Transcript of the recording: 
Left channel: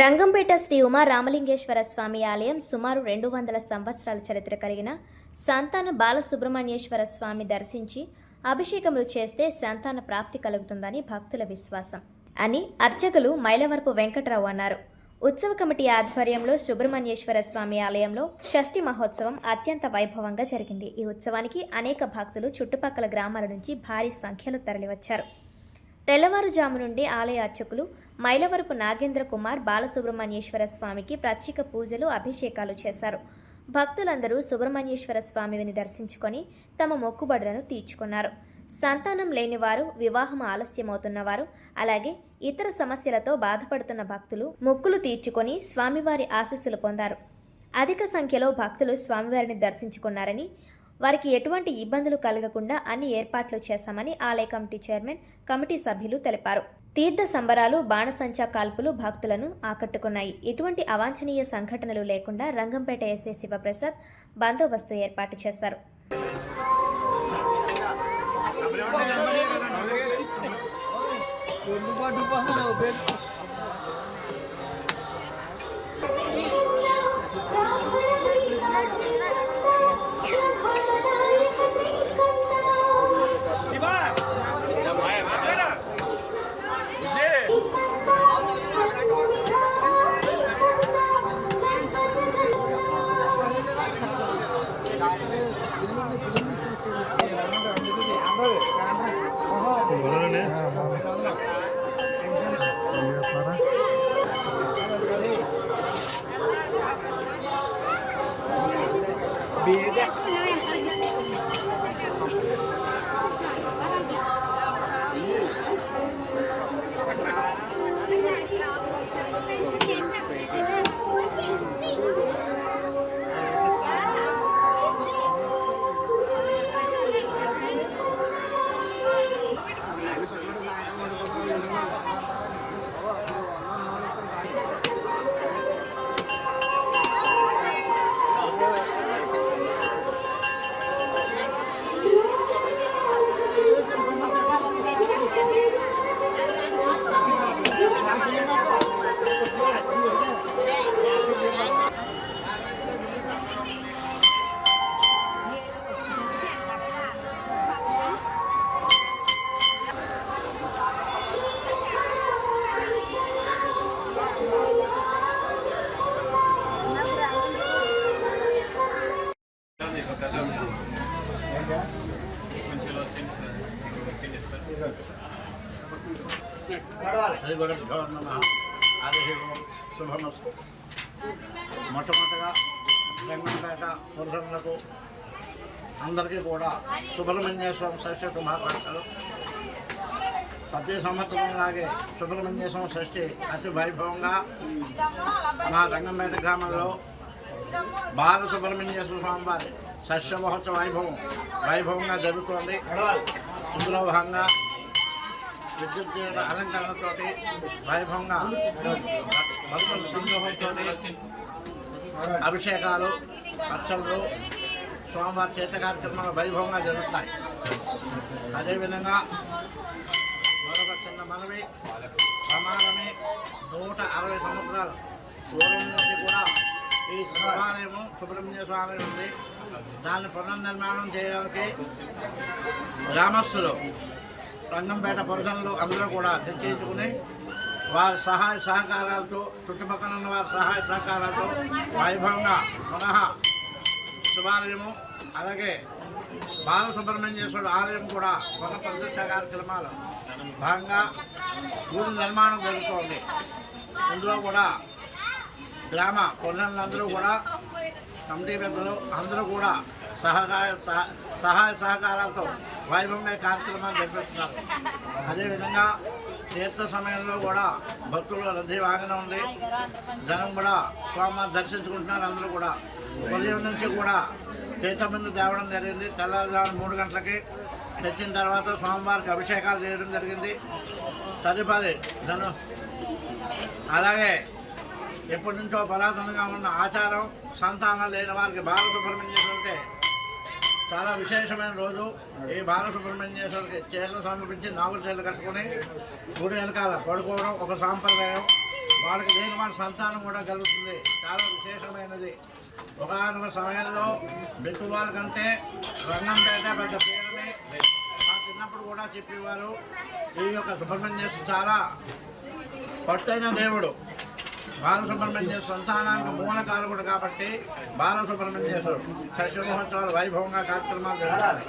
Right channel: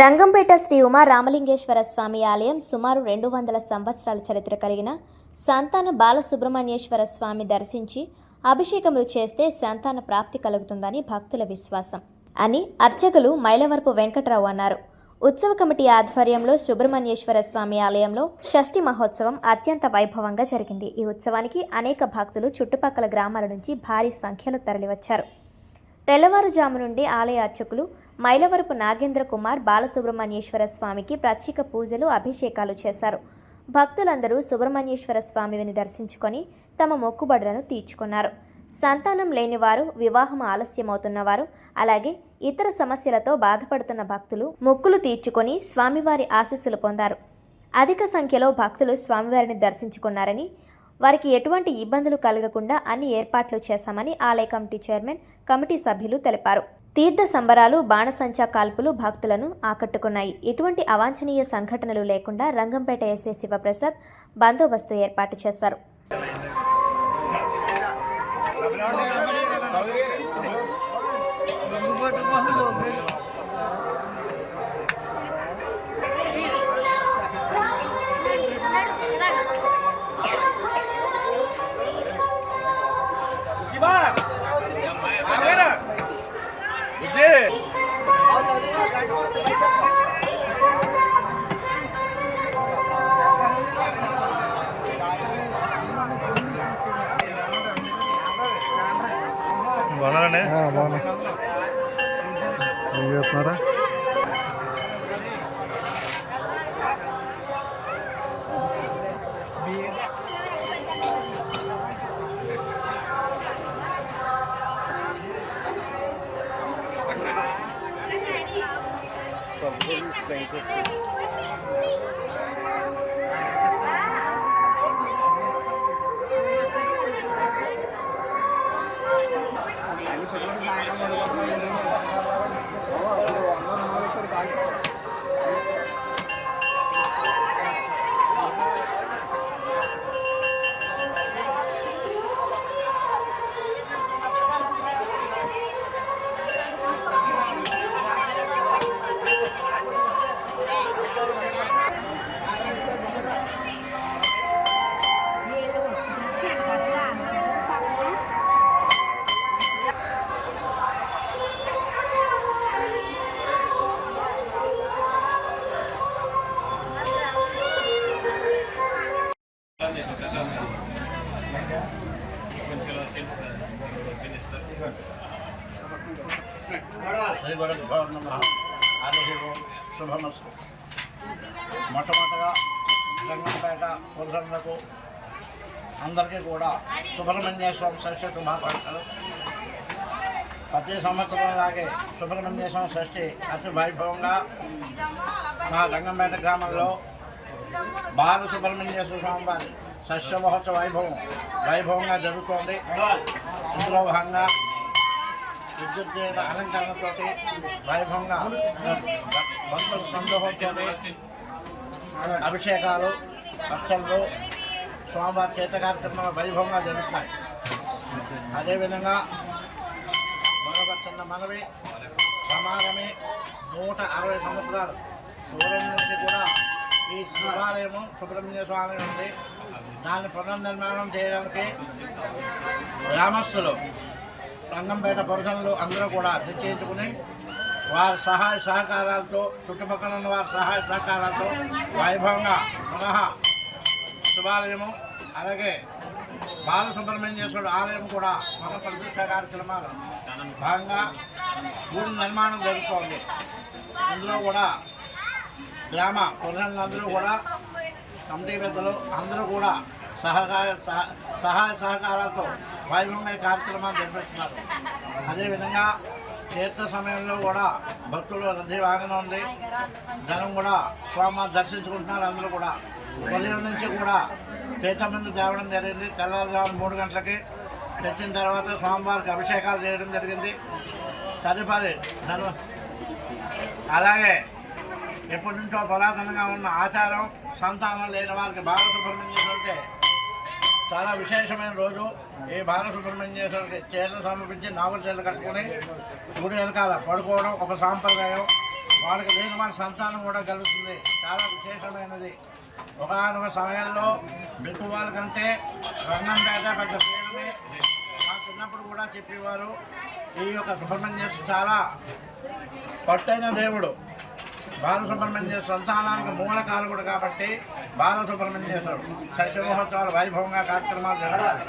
రంగంపేట శ్రీ ఉమా రామలింగేశ్వర స్వామి ఆలయం సుమారు 200 సంవత్సరాల చరిత్ర కలిగిన సంతాన బాలసుబ్రహ్మణ్యేశ్వర స్వామి దర్శించి అభిషేకములు చేస్తే సంతాన ప్రాప్తి కలుగుతుందని భక్తుల విశ్వాసం అని అర్చకులు మైలవరపు వెంకటరావు అన్నారు. ఉత్సవ కమిటీ ఆధ్వర్యంలో సుబ్రహ్మణ్యేశ్వర స్వామి ఆలయంలో షష్ఠి మహోత్సవం అత్యంత వైభవంగా జరిగింది. ఈ ఉత్సవానికి అనేక భక్తులు చుట్టుపక్కల గ్రామాల నుంచి భారీ సంఖ్యలో తరలివచ్చారు. తెల్లవారుజాము నుండి ఆలయ అర్చకులు మైలవరపు నాగేంద్ర కుమార్ బాలసుబ్రహ్మణ్యేశ్వర స్వామికి ప్రత్యేక పూజలు అభిషేకాలు చేశారు. భక్తులందరూ సుబ్రహ్మణ్యేశ్వర స్వామిని దర్శించుకొని తమ మొక్కుబడులను తీర్చుకున్నారు. సంతానం లేనివారు, వివాహం ఆలస్యమవుతున్నవారు, అలాగే ఇతర సమస్యలతో బాధపడుతున్న భక్తులు మొక్కులు తీర్చుకొని స్వామివారి ఆశీస్సులు పొందారు. అధిక సంఖ్యలో భక్తులు స్వామివారిని దర్శించుకున్నారని, వారికి ఎటువంటి ఇబ్బందులు కలగకుండా అన్ని ఏర్పాట్లు చేశామని ఆలయ కమిటీ చైర్మన్, కమిటీ సభ్యులు తెలిపారు. తీర్థ సంబరాలు, బాణసంచా కాల్పులు భక్తులను ఆకట్టుకున్నాయి. ఎటువంటి అవాంఛనీయ సంఘటనలు లేకుండా రంగంపేట ఎస్ఐ శివప్రసాద్ బందోబస్తు ఏర్పాటు చేశారు. బాగున్నారండి. శ్రీ గురుభ్యో నమః. హరి ఓం. శుభమస్తు. మొట్టమొదటిగా రంగంపేట పురుషులకు అందరికీ కూడా సుబ్రహ్మణ్యేశ్వరం షష్ఠి శుభాకాంక్షలు. ప్రతి సంవత్సరం లాగే సుబ్రహ్మణ్యేశ్వరం షష్ఠి అతి వైభవంగా మా రంగంపేట గ్రామంలో బాల సుబ్రహ్మణ్యేశ్వర స్వామి వారి షష్ఠి మహోత్సవ వైభవంగా జరుగుతోంది. ఇందులో భాగంగా విద్యుత్ అలంకరణతో వైభవంగా భక్తుల సందోహంతో అభిషేకాలు, అర్చనలు, స్వామివారి చేత కార్యక్రమాలు వైభవంగా జరుగుతున్నాయి. అదేవిధంగా మరొక చిన్న మనవి, ప్రమాదమే 160 సంవత్సరాలు పూర్వం నుంచి కూడా ఈ శివాలయము సుబ్రహ్మణ్య స్వామి ఉంది. దాన్ని పునర్నిర్మాణం చేయడానికి గ్రామస్తులు, రంగంపేట పురుషులు అందరూ కూడా నిశ్చయించుకుని వారి సహాయ సహకారాలతో, చుట్టుపక్కల ఉన్న వారి సహాయ సహకారాలతో వైభవంగా పునః శివాలయము, అలాగే బాలసుబ్రహ్మణ్యేశ్వరుడు ఆలయం కూడా పునః ప్రతిష్ఠా కార్యక్రమాలు భాగంగా గుడి నిర్మాణం జరుగుతోంది. ఇందులో కూడా గ్రామ పురుషులందరూ కూడా, కమిటీ పెద్దలు అందరూ కూడా సహాయ సహకారాలతో వైభవంగా కార్యక్రమాలు జరిపిస్తున్నారు. అదేవిధంగా తీర్థ సమయంలో కూడా భక్తులు రద్దీ బాగానే ఉంది. జనం కూడా స్వామివారిని దర్శించుకుంటున్నారు. అందరూ కూడా ఉదయం నుంచి కూడా తీర్థబిందు తేవడం జరిగింది. తెల్లవారుజామున 3 గంటలకి తెచ్చిన తర్వాత స్వామివారికి అభిషేకాలు చేయడం జరిగింది. తదుపరి జనం అలాగే ఎప్పటి నుంచో పురాతనంగా ఉన్న ఆచారం, సంతానం లేని వారికి బాలసుబ్రహ్మణ్యేశ్వరుడు అంటే చాలా విశేషమైన రోజు. ఈ బాలసుబ్రహ్మణ్యేశ్వరుడికి చీరలు సమర్పించి నాగుల చీరలు కట్టుకుని గుడి వెనకాల పడుకోవడం ఒక సాంప్రదాయం. వాళ్ళకి లేని వాళ్ళ సంతానం కూడా కలుగుతుంది. చాలా విశేషమైనది. ఒకనొక సమయంలో బిట్టు వాళ్ళకంటే రంగంపేట పెద్ద పేరుని మా చిన్నప్పుడు కూడా చెప్పేవారు. ఈ యొక్క సుబ్రహ్మణ్యేశ్వరు చాలా పట్టైన దేవుడు. బాలసుబ్రహ్మణ్యేశ్వర సంతానానికి మూలకారకుడు కాబట్టి బాలసుబ్రహ్మణ్యేశ్వరుడు షష్ఠ మహోత్సవాలు వైభవంగా కార్యక్రమాలు జరుగుతాయి.